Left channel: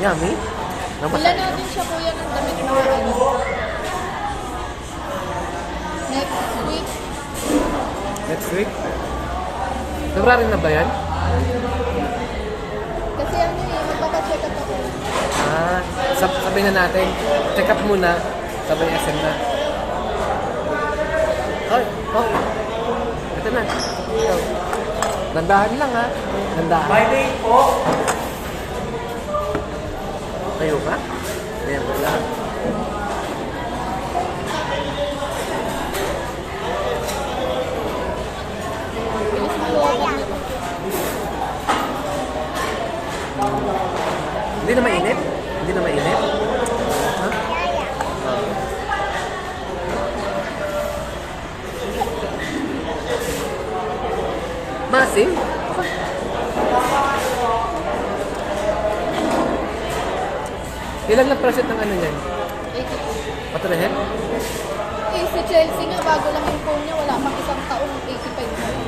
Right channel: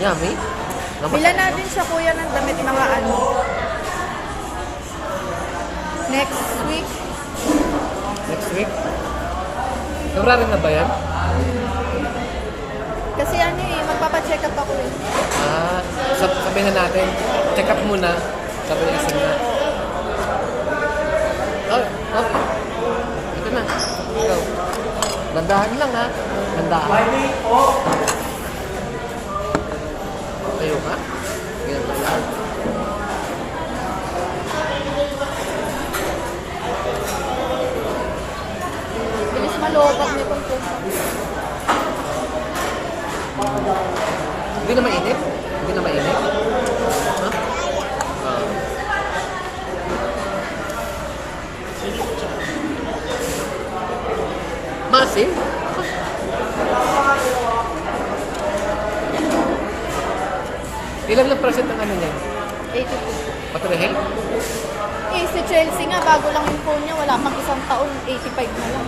Yummy. Bilan natin siya kuya ng damit na ano. Next week. Next week? February na ba yan? Kasi ano eh, magpapacheck up ako. Sabihin na natin, check up muna, sabi asin na. Oh. Ito na. Ito. Dandahan lang ha. Dandahan. Tayo ka? Ayan ko lang. Bilis malokot na ito. Hindi na mainit? Hindi na mainit? Ha? Masim? Ilan na percent ng ano niyan? 82. Patrehel? Eh, si Chelsea nga, bago lang yung phone niya, wala mang isang taon, 85 na lang.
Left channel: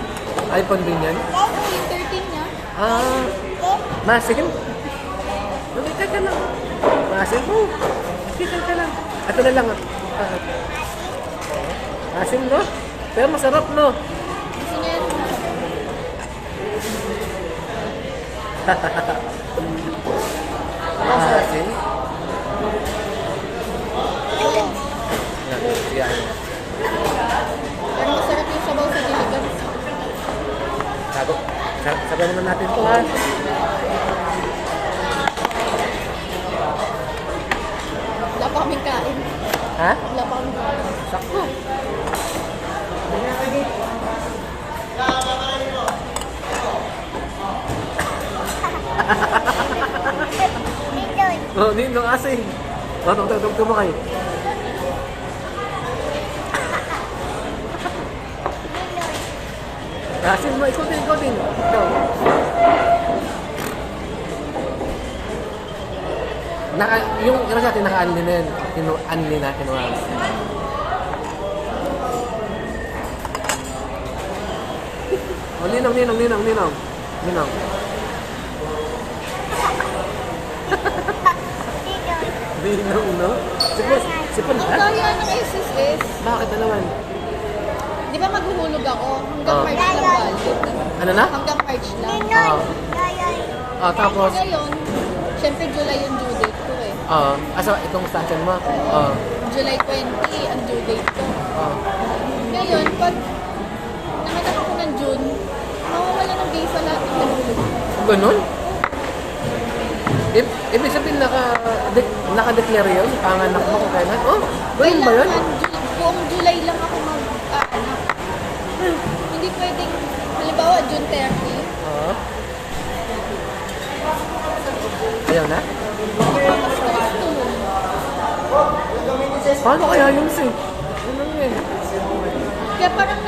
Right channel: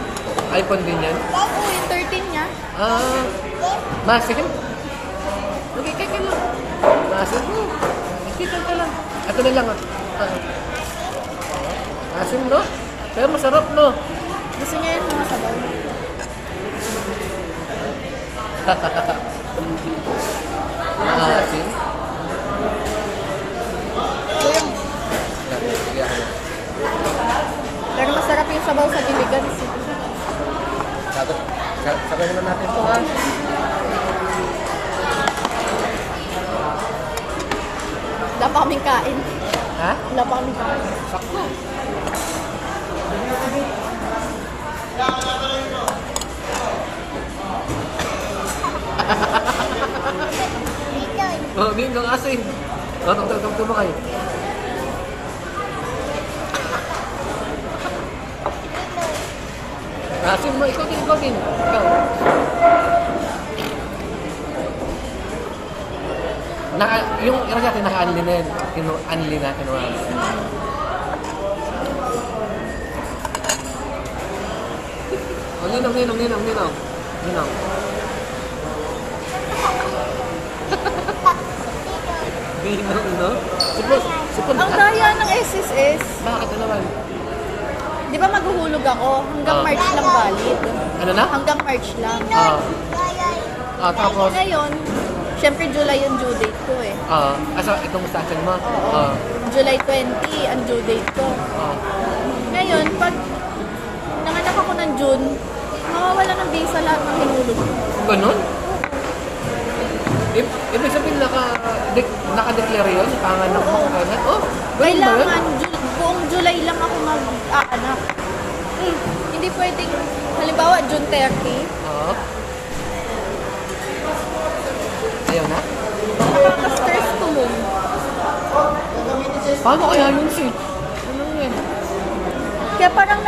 iPhone din yan? Oo, yung 13 niya. Masim? Lumikay ka lang. Masim? Lumikay ka lang. Ito na lang. Masim, no? Pero masarap, no? Gusto niya yun mga sabaw. Masim? Yan. Pero masarap yung sabaw sa diligan. Sabi naman natin ito, ha? Wala pa kaming kain. Ha? Wala pa kaming kain. Sakto. Oh, Ninong asing. Oh, tumo kayo. Asin mo, ikaw din. Ikaw. Yung natin naka-unli na yan. Unli na, kinuha. Oh, ninong. Ninong, no? Sipon Ang ka? dahil ng SSS, Bakit na naman? di ba maghuhulog ako? Hanggang March lang balik. Ano na? Hanggang March lang. Tapos? Ngayon, syempre July yung due date ko eh. So itong station mo? July 20 ang due date ko. Ngayon, pag nanganak ako ng June, mawawala ng visa lahat ng hinulog. Ganun? Ibig sabihin naka-declare yun? Panganak mo kung kailan? Oh, ganun ba yun? Kailangan, buong July lang ako mag-aanak. Hindi pwedeng, halimbawa, June 30. Oo. Ayaw na? Mas first to yun. Paano kaya yun, Sid? Ano yun? Kaya parang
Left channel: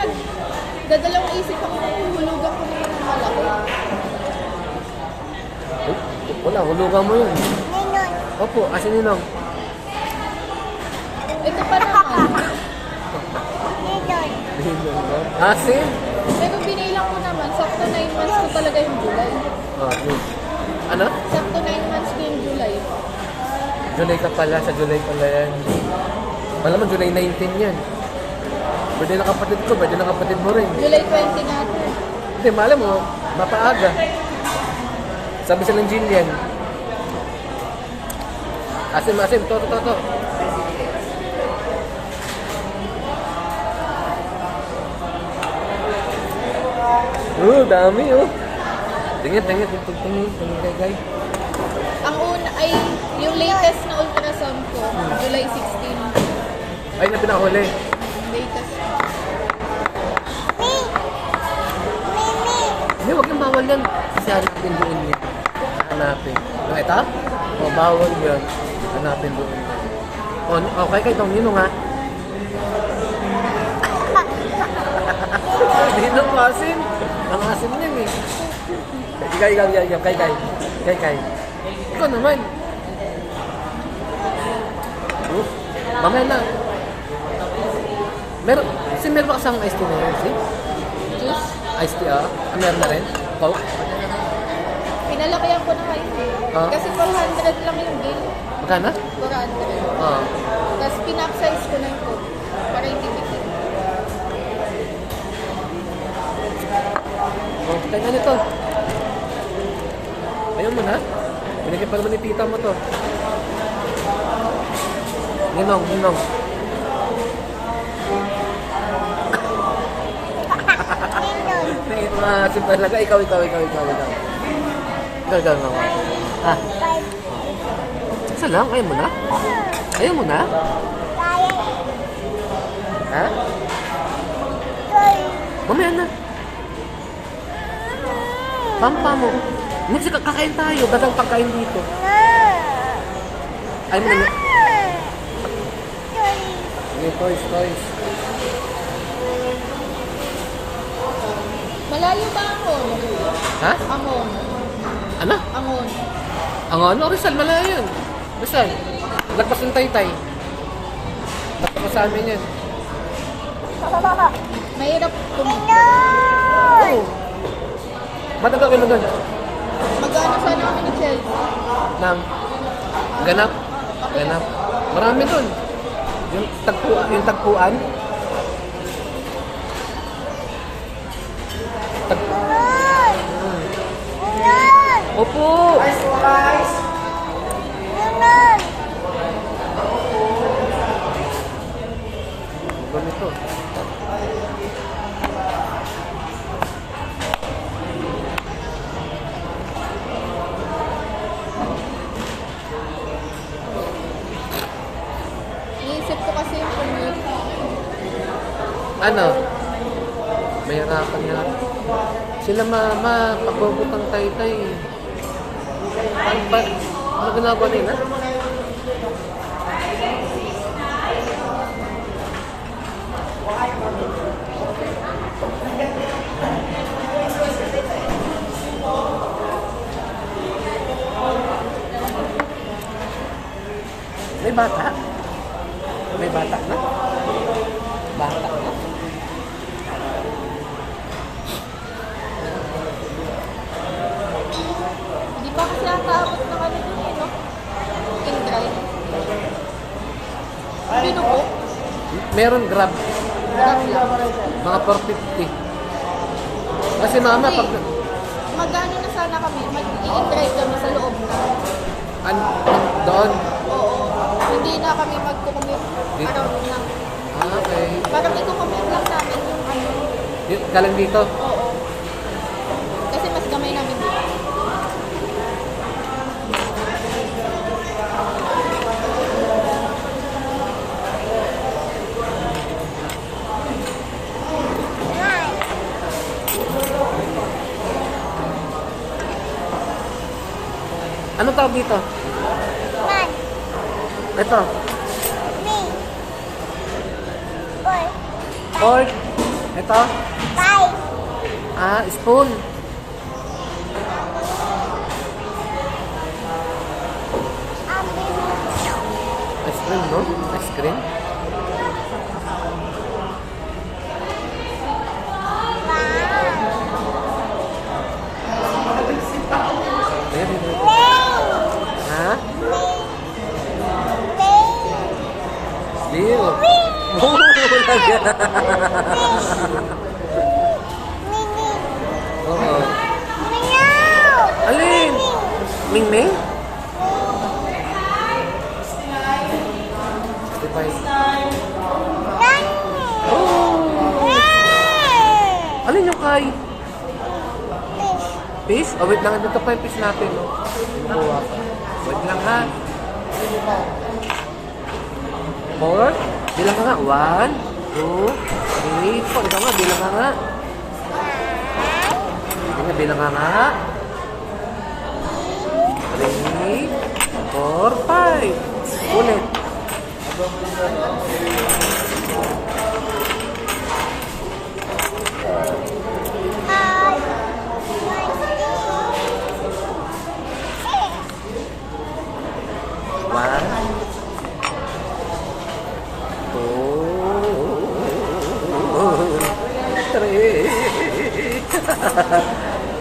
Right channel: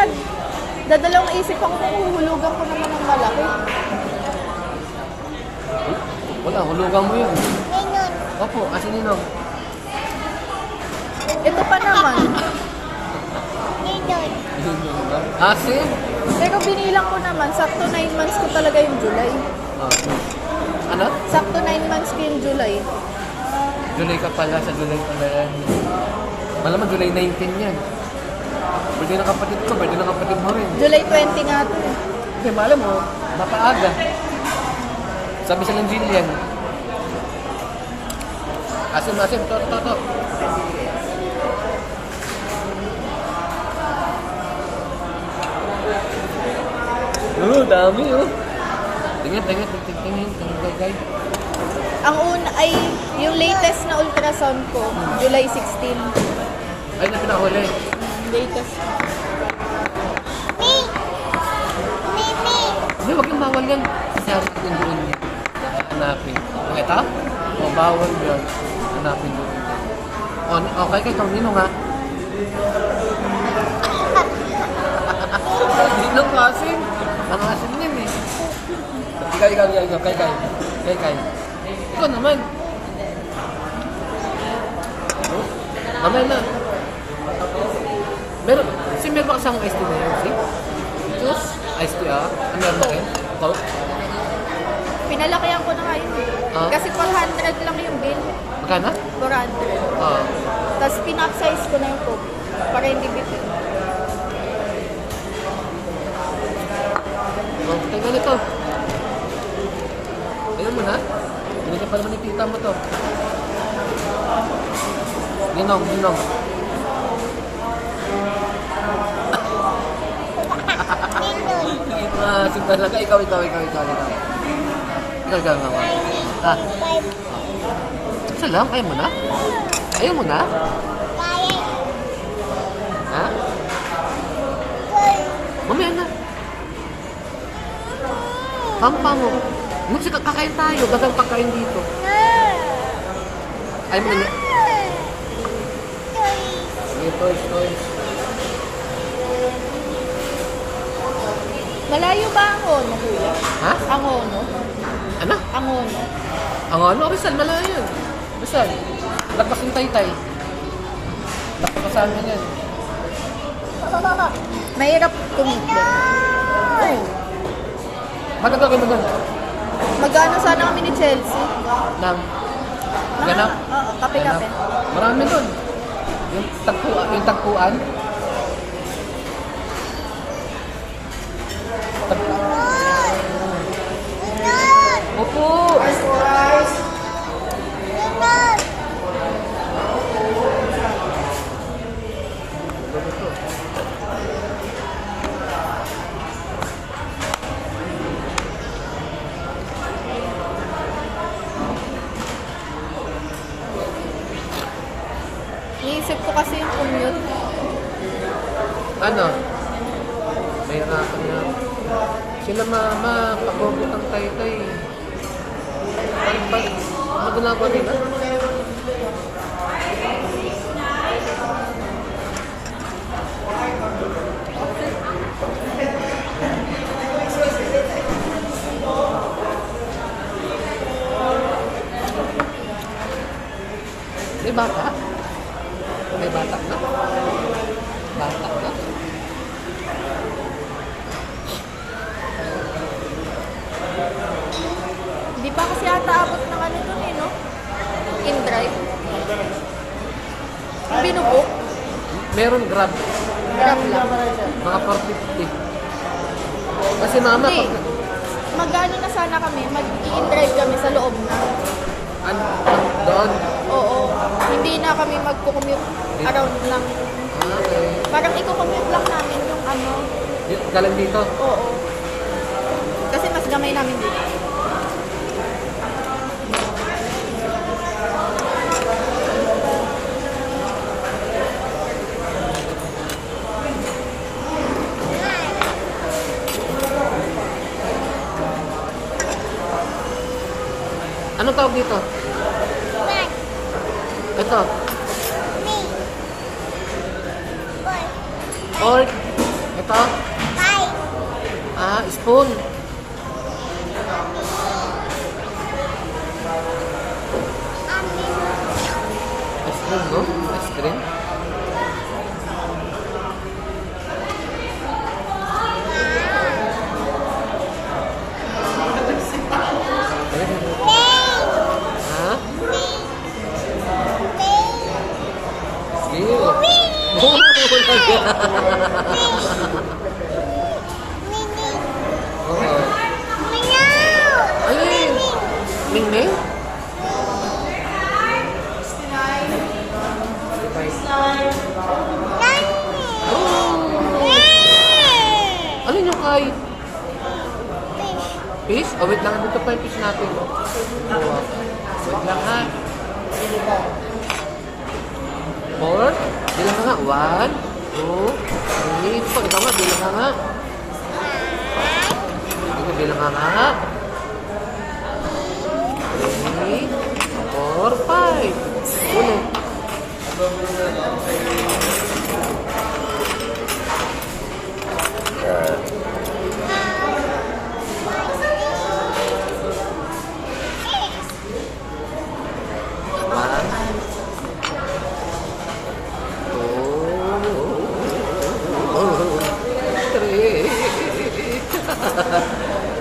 dadalawang isip ako kung huhulugan ko naman ng malaki. Wala, hulugan mo yun. Opo, asin ninong. Ito pa naman. Ninong lang. Asin? Pero binilang ko naman, sakto 9 months ko talaga yung July. Ano? Sakto 9 months ko yung July. July ka pala, sa July pala yan. Malamang July 19 yan. Birthday ng kapatid ko, birthday ng kapatid mo rin. July 20 nga to eh. Hindi, malam mo, mapaaga. Sabi sa ng Jillian. Asim, to. Dami oh. Tingin, guys. Ang una ay yung latest na ultrasound ko, July 16. Ay, na pinakahuli. Latest. Hindi, wag yung bawal yan. Sasari natin doon yan. Hanapin. Yung ito? O, bawal yan. Hanapin doon yan. O, okay kayo itong ninong ha. Ninong asin. Ang asin yan eh. Ikaw. Kay. Ikaw naman. Mamaya na. Meron ba kasang iced tea na yun? Juice. Iced tea ah? Meron na rin? Coke? Lalakayan ko na kayo. Ah? Kasi 400 lang yung bill. Magkano? 400. Oo. Tapos pinapsize ko na yung coke. Para hindi bitin. Oh, tayo nito. Ayun mo na. Binigyan pa naman ni tita mo to. Ninong, ninong. Simple lang. Ikaw. Ikaw, mama. Ah. Isa lang? Ayaw mo na? Ayaw mo na? Ha? Mamaya na. Pampa mo. Nung kakain tayo, gasang pagkain dito. Ayaw mo na. Sige, toys. Malayo ba ang ono? Ha? Ang ono? Ano? Ang ono. Ang ano? Rizal, malayo yun. Rizal. Lapas ng taytay. Lapas pa sa amin yan. Mahirap tumigil. Oo. Matagal ka na doon? Mag-ano sana kami ni Chelsea? Nang ganap? Kape-kape. Marami doon. Yung tagpuan. Opo! Ganito. Iisip ko kasi yung commute. Ano? May harapan na. Sila mama, pagbugot ng taytay. Ano ginagawa nila? May bata? May bata na? Bata na? Hindi pa kasi ata abot ng ano dun eh, no? In drive. Binubok. Meron grab. Grab lang. Mga 450. Kasi mama, Hindi. pag... Mag-ano na sana kami. Mag-in drive kami sa loob na. Doon. Oo. Hindi na kami mag-commute Dito? around lang. Okay. Parang i-commute lang namin yung ano. Galing dito. Oo. Kasi mas gamay namin dito. Anong tawag dito? Ito. Fork. Ito. Ah, spoon. Ice cream, no? Ice cream. Ayan, ayan. Ha? Ew. Oh, talaga. Oo. Alin? Mingming? Oh. Alin yung kay? Fish? Oh, wait lang. Dito pa yung fish natin, no? Kuha ka. Wait lang, ha? 4? Bilang ka nga. 1, 2, 3. Pag ikaw nga, bilang ka nga. Bilang ka nga. 3, 4, 5. Ulit.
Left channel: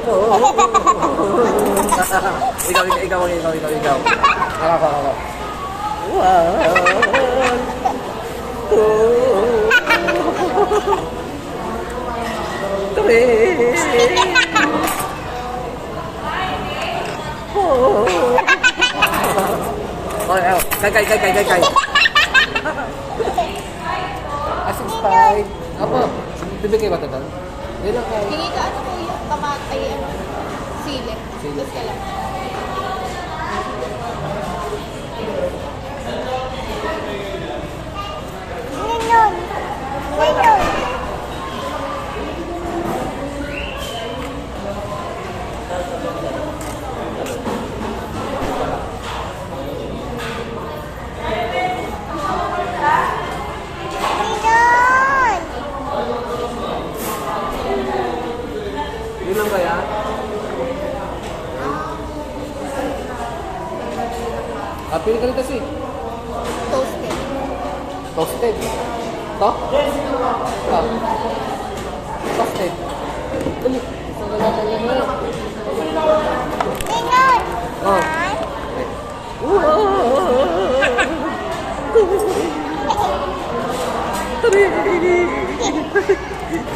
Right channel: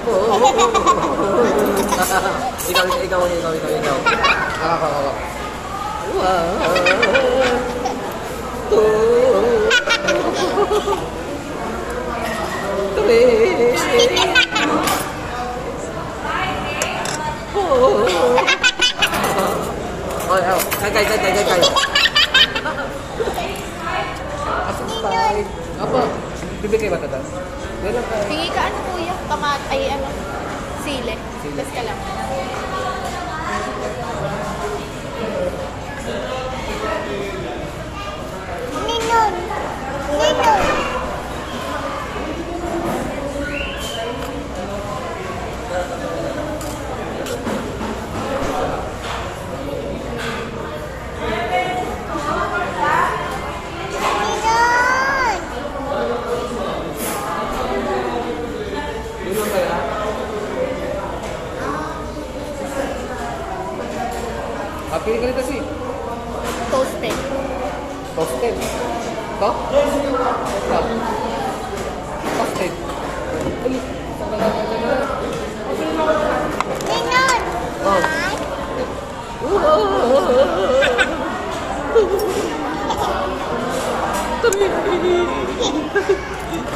Oh, Ikaw. Ako. 1, 2, 3, 4. Kay. Asong style. Apo, bibigay ba ito doon? Sige ka, ano po yung ay ano, sile. Sile. Basta lang. Ninon. Pili ka nito si Toasted. Toasted. Ito? Toasted. Ulit.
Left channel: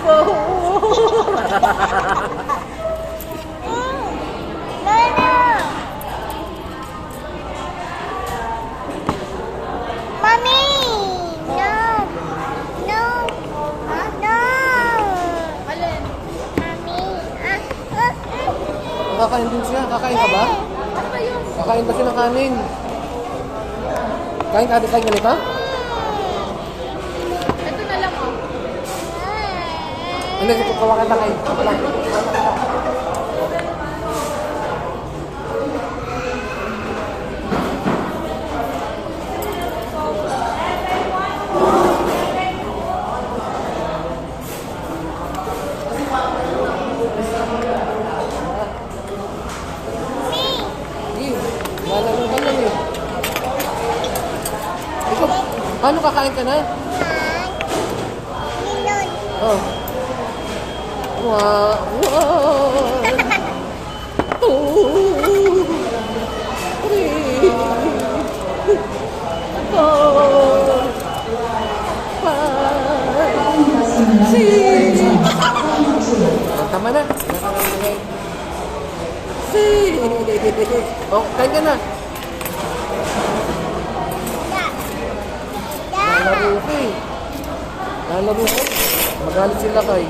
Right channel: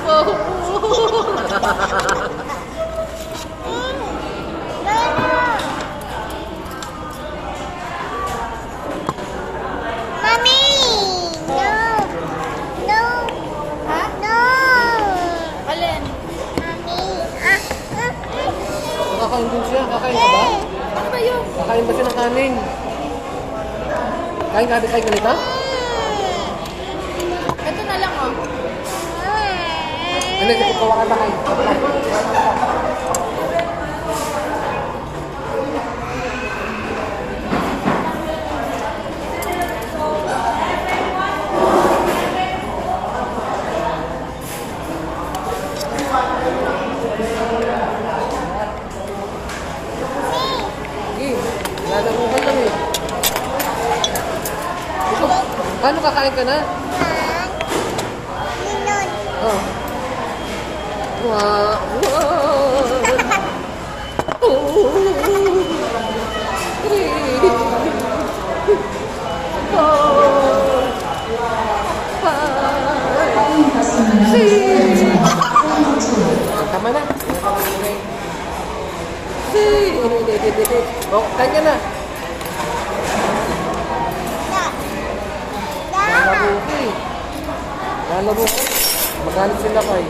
Oh. Alin? Kakain din siya. Kakain ka ba? Ano ba yun? Kakain ba siya ng kanin? Kain ganito? Ito na lang oh. Hindi, kukuha ka lang eh. Lalaro ka lang eh. Paano kakain ka na? Oh. 1, 2, 3, 4, 5, 6. Tama na. Oh, kain ka na. Lalaro ka eh. Lalaro ka. Magalit sila kay.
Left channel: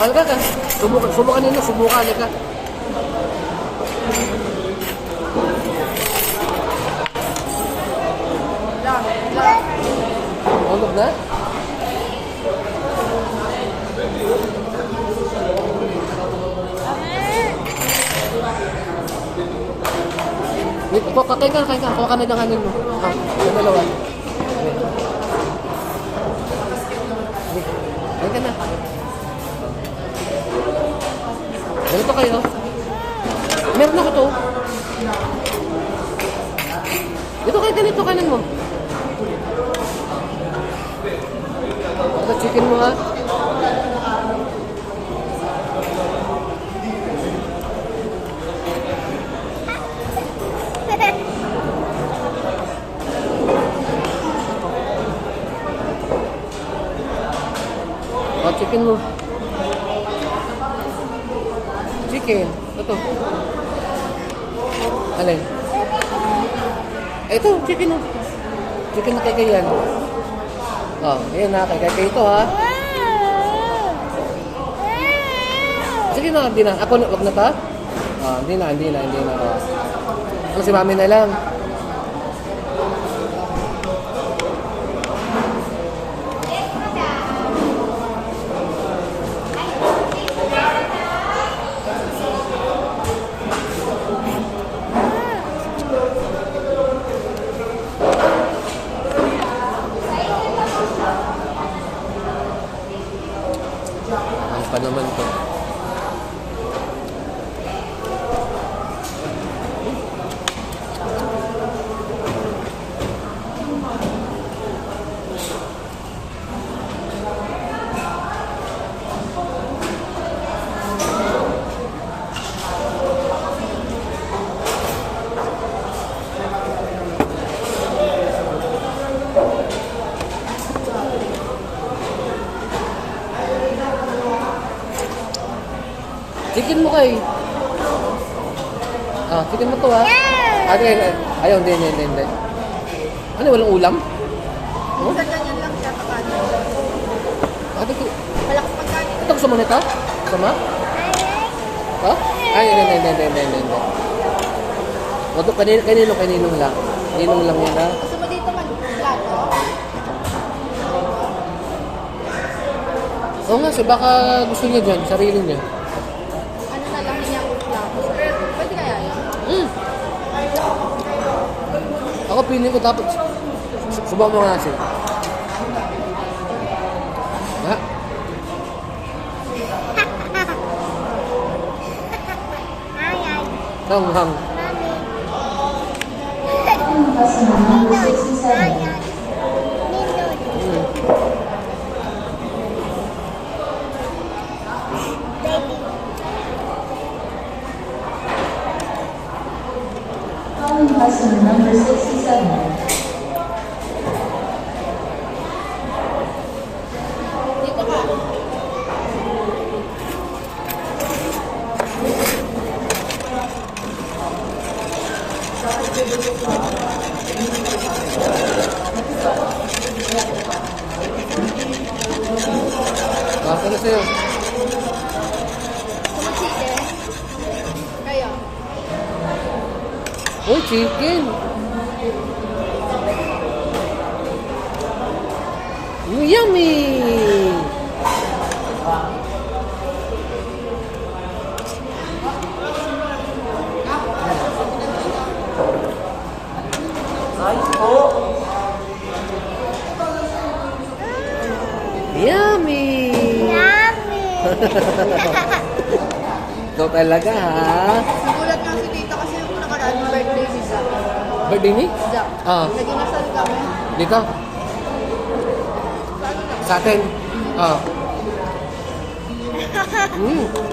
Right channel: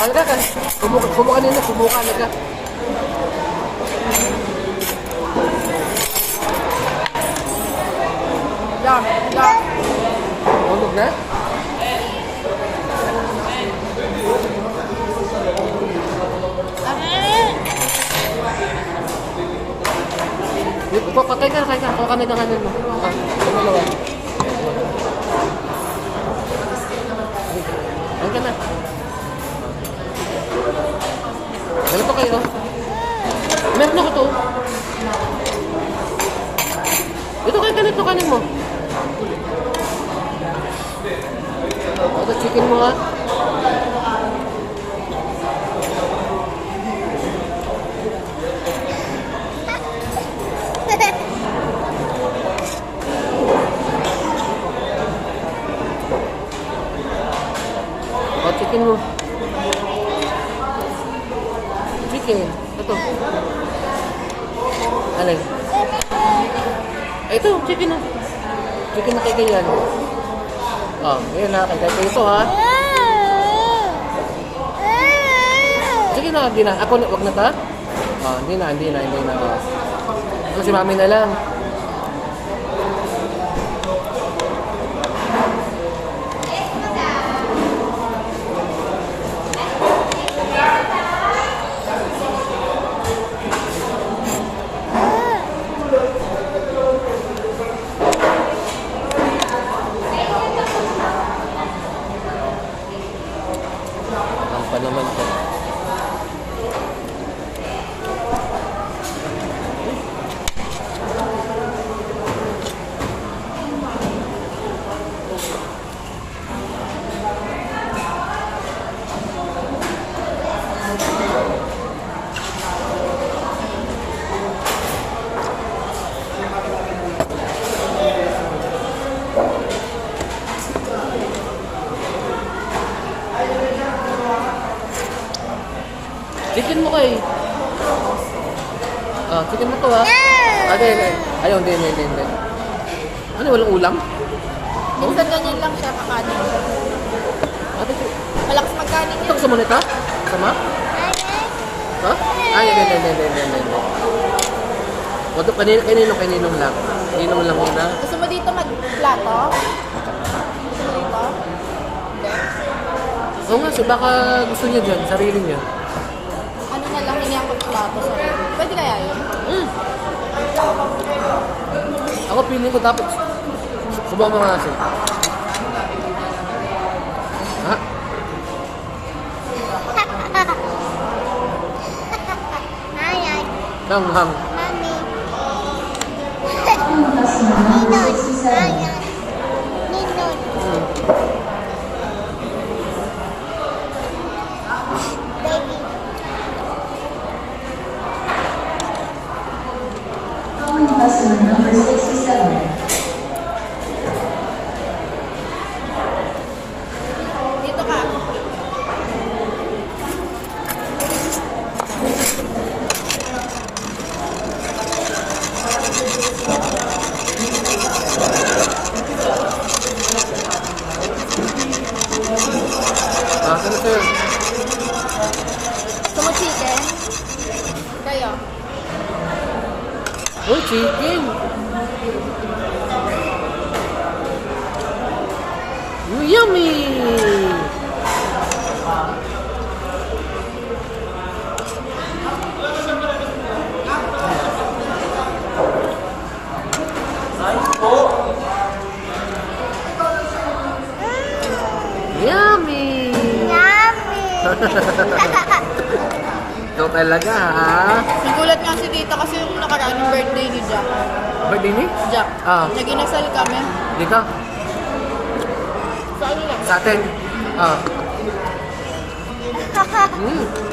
Halika ka. Subukan nila. Subukan ka. Tulog na? Kain ka. Kuha ka na ng hanin mo. Yung dalawa. Kain ka na. Ganito kayo. Meron ako to. Ito kain ka na ito. Kanin mo. Ito chicken mo ha. Chicken mo. Chicken. Ito. Alin? Ito, chicken mo. Chicken na kay yan. Oh, ayan na. Kay ito ha. Sige na, hindi na. Ako, wag na ta? Oh, hindi na. Ano si mami na lang. Ang pa naman po. Chicken mo kay. Ah, chicken mo to ha. Ayaw, hindi. Ano, walang ulam? Oh? Minsan ganyan lang siya kakanin. Ah, dito. Malakas magkanin Ito niya. gusto mo nito? Sama? Ha? Ay, hindi. Wag kaninong lang. Kaninong lang yun ha. Gusto mo dito mag-plato? Oo nga, baka gusto niya dyan, sarili niya. Ano na lang niya ang plato sa'yo? Pwede kaya yun? Ako piling ko dapat subukan mo nga siya. Ha? Hang. Calling customer number 67. Dito ka. Ah, ano sa'yo? Gusto mo chicken? Kayo. Oh, chicken! Yummy! Yummy! Ito talaga ha? Nagulat nga si tita kasi yung nakaraan yung birthday ni Jack. Birthday ni? Jack. Ah. Naginasal kami. Di ka? Sa atin? Ah.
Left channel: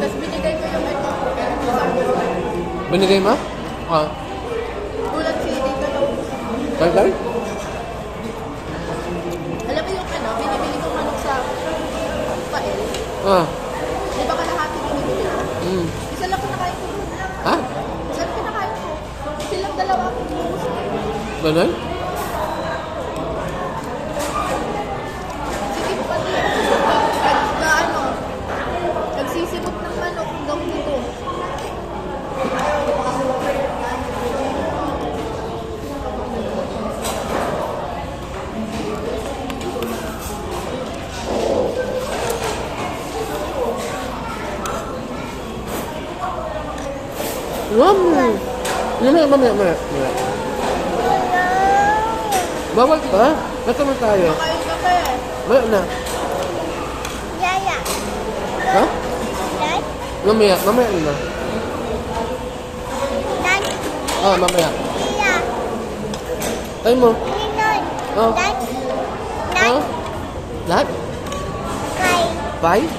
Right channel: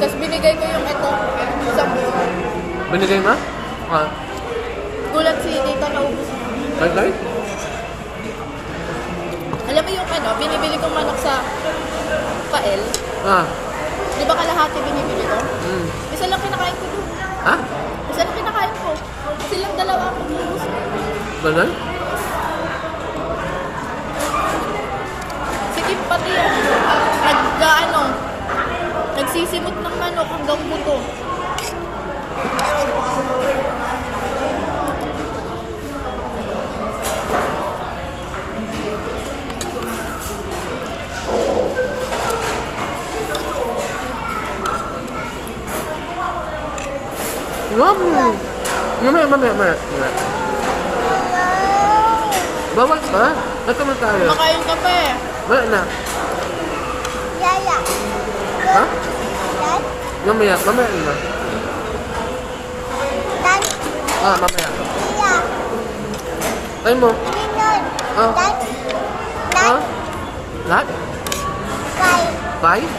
Tapos binigay ko yung ito. Binigay mo? Ah. Gulat si tita na Tay? alam mo yung ano, binibili kong manok sa Kael. Ah. Di ba kalahati binibili ko? Isa lang pinakain ko. Ha? Isa lang pinakain ko. Silang dalawa akong gusto. Ganun? Sige, pati ano, nagsisibot ng manok hanggang dito. Mamaya. Bawal ka? Ba't naman tayo? Makain ka pa eh. Mamaya na. Ha? Mamaya na. Ah, mamaya. Ay mo. Ah. Ha? Lahat? Five?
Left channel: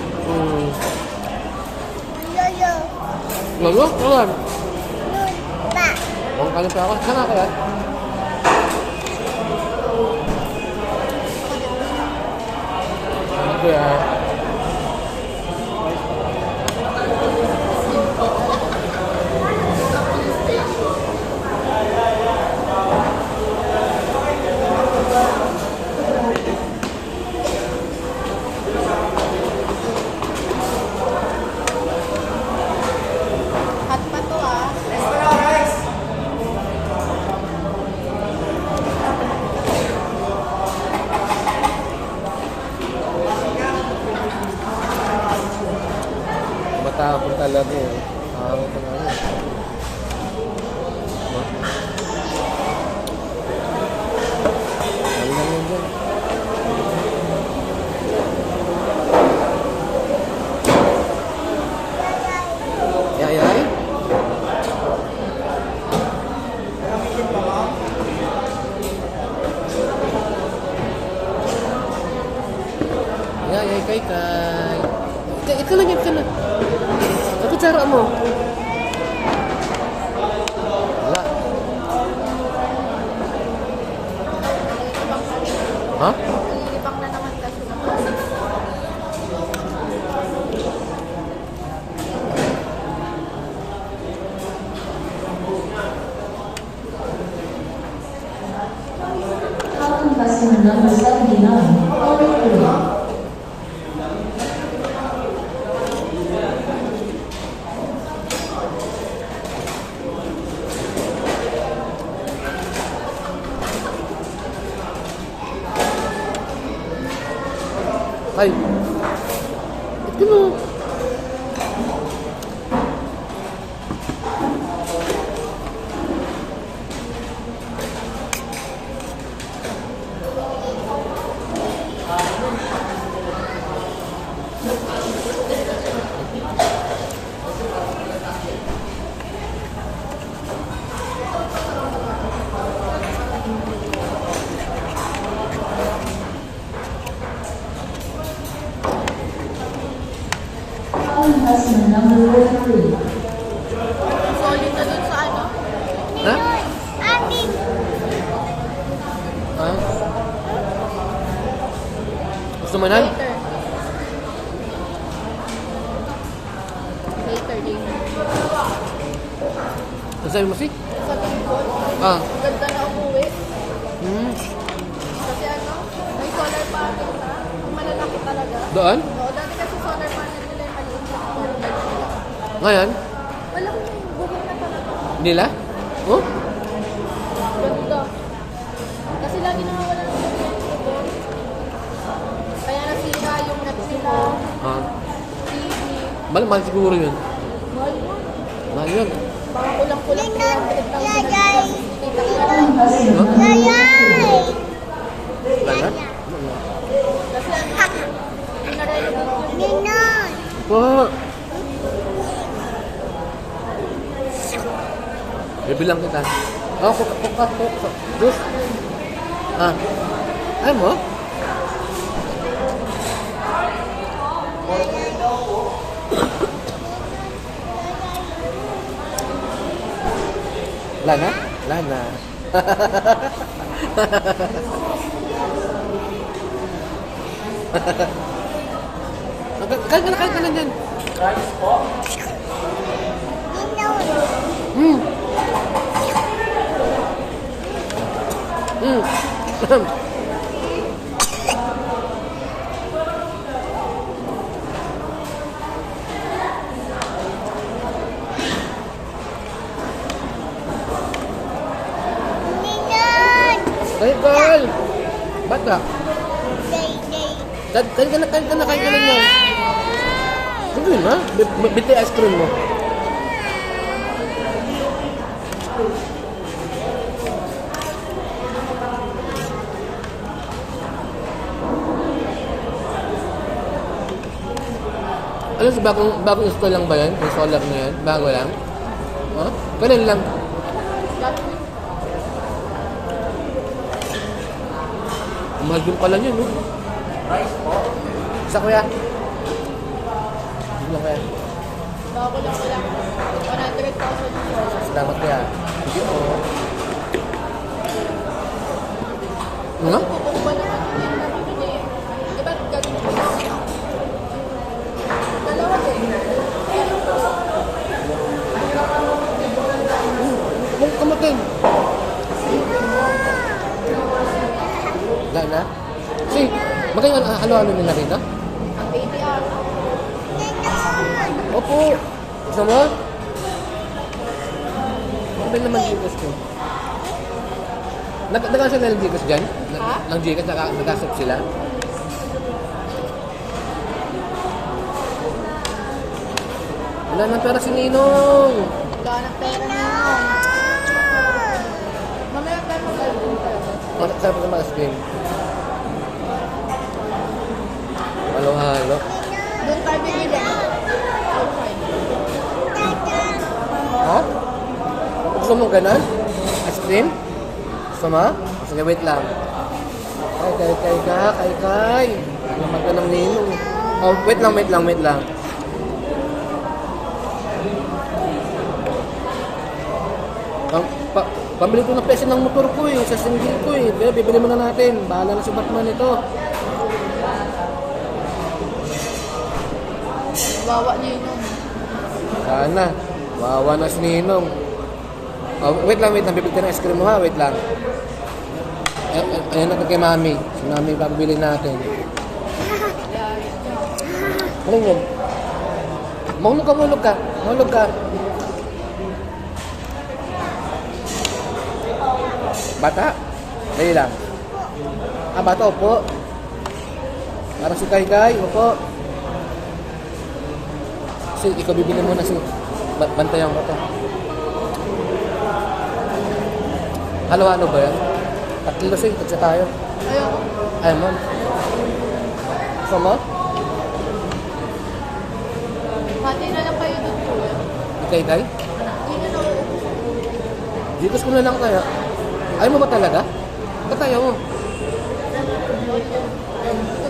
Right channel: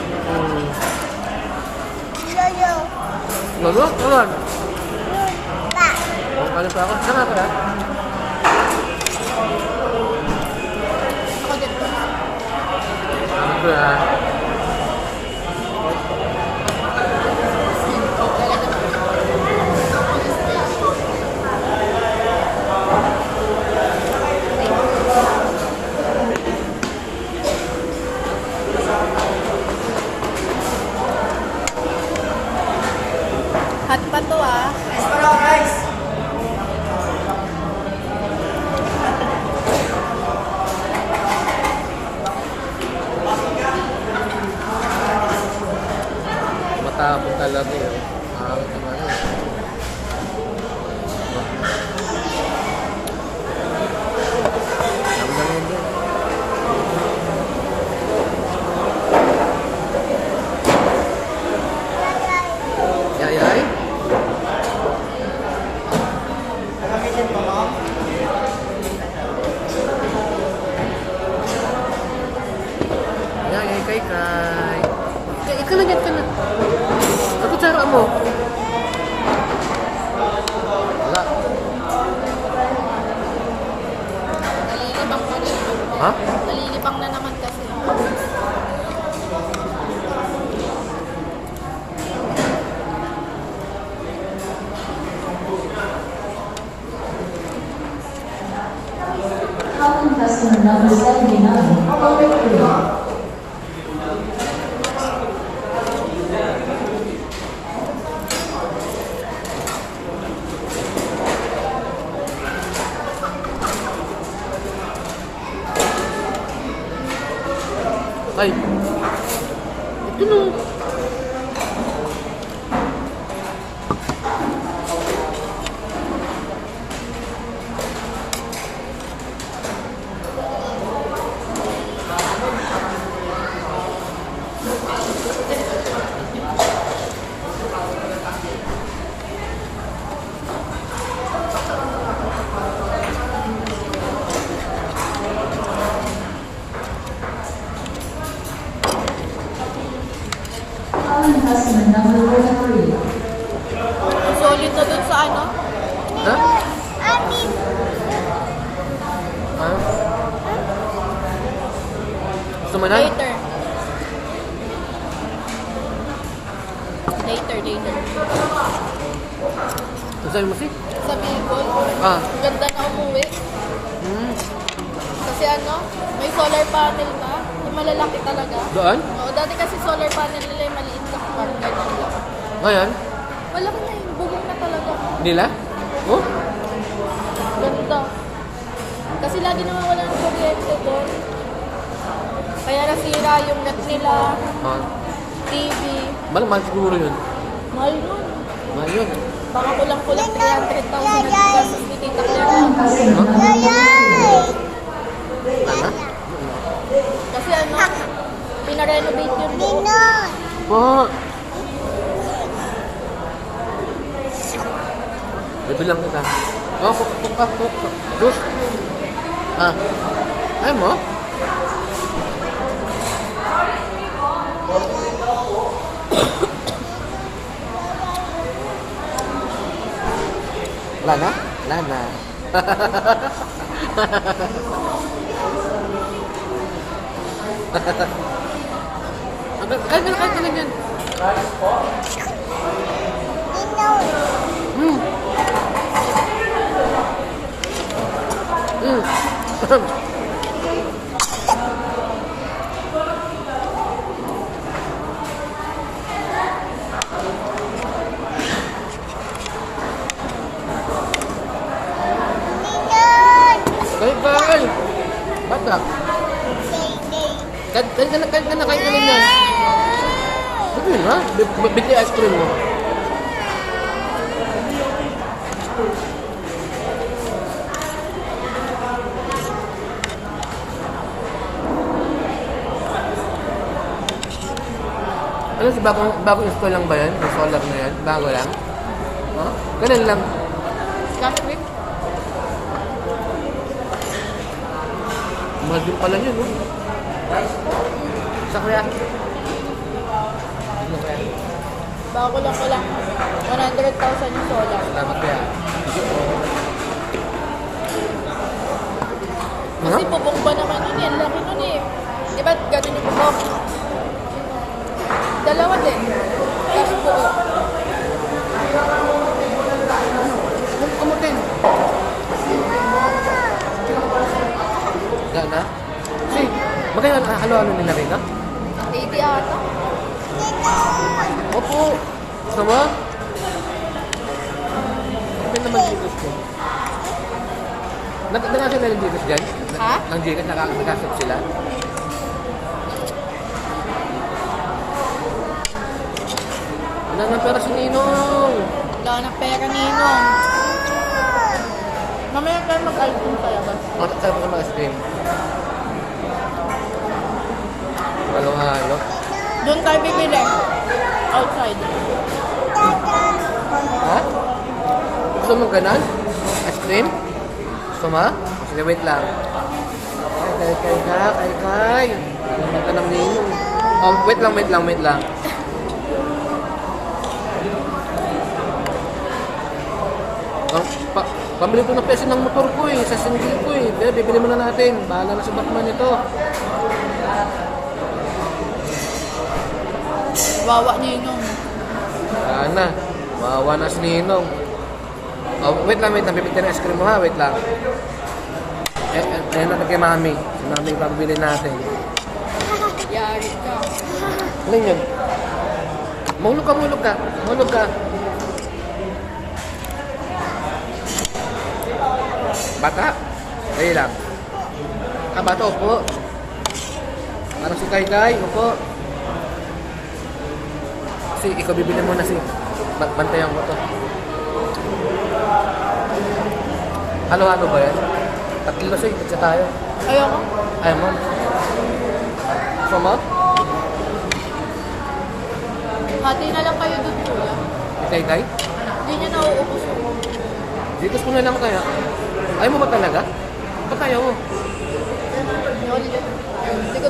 Lolo? Kalan? Oh, kanin pa ako. Saan ka yan? Ano ko yan? Hot pa to ah. Matapon talaga eh. Ito na yun. Sabi lang yun dyan. Yay. Yay, kay. Ika na. Ako tsara mo. Wala. Ha? Nalilipang na naman kasi. customer number 79, calling through. Ay. Ito no. Calling customer number 43. Solid na dun sa ano? Ha? Ah? Gusto mo na? Later. Later. Saan mo si? Kasi people, Ah. ganda na umuwi. Kasi ano, may solar panel na. Malalaki talaga. Doon? Oo, dati kasi solar panel nila yung maliit na car. Ganyan lang. Ngayon? Wala mo na yung bubong na talaga. Nila? Oh? Ganda. Kasi lagi nawawala ng kuryente doon. Kaya nasira yung net nila, Ah. TV. Mahal siguro yun. Mahal nun. Mahal yun. Baka kulang-kulang 300,000 na dito. Tita Clara. Calling customer number 43. Wala? Kasi ano, pinarenovate yun. Po! Bibilang kita. Oh, Diyos. Ah. Ay mo? Wala na? Wala na. Kahit na din. Bye-bye! Ba't ka? Kahit ka na niya. Sabi na, bigay ice cream mo. Alam si bagong install lang ba yan? Yung solar na yan? Bago lang? Ha? Ganun lang. Last week, Mahal din pala niya, no? Sa kaya? Ano kaya? bago lang 100,000 yung solar. Salamat kaya. Ano? Kasi bubong ba naman nun yan? Laki nun eh. Di ba ganun yung bubong? Dalawa din. Kumutin. Yan na? Si, magkaya halo-halo nila rin ka? 80 ah. Opo. Gusto mo? Ano naman Gcash ko? Nakasya na ng Gcash dyan? Ha? Ng Gcash, nakasap sila? Wala nang pera si Ninong. Wala ng pera nino. Mamaya tayo mag-album kaya ba? Sabi ko mga stream. Halo-halo. Doon tayo bibili. Outside. Ha? Gusto mo ganon? Ice cream? Gusto mo? Sige, wait lang. Kay. Wala ka ng Ninong. Oh, wait lang. Pambili ko ng peso ng motor ko eh, sa single ko eh. Kaya bibili mo na natin. Bahala na si Batman ito. Wawa nino. Sana. Wawa na si Ninong. Oh, wait lang. Bibili tayo ng ice cream mo ha. Wait lang. Ayun natin kay Mami. Si Mami pabili natin. Yari ka. Ano yun? Mahulog ka, mahulog ka. Mahulog ka. Bata? Dali lang. Ah, bata, upo. Parang si Kai, upo. Si, ikaw bibili mo na si. Bantayan ko to. Halo-halo ba yan? Tatlo si, tagsa tayo. Ayoko. Ayaw mo? Gusto mo? Hati na lang kayo doon, kuya. Kai? Hindi nyo nauubos. Dikos ko na lang tayo. Ayaw mo ba talaga? Ba't ayaw mo? Sige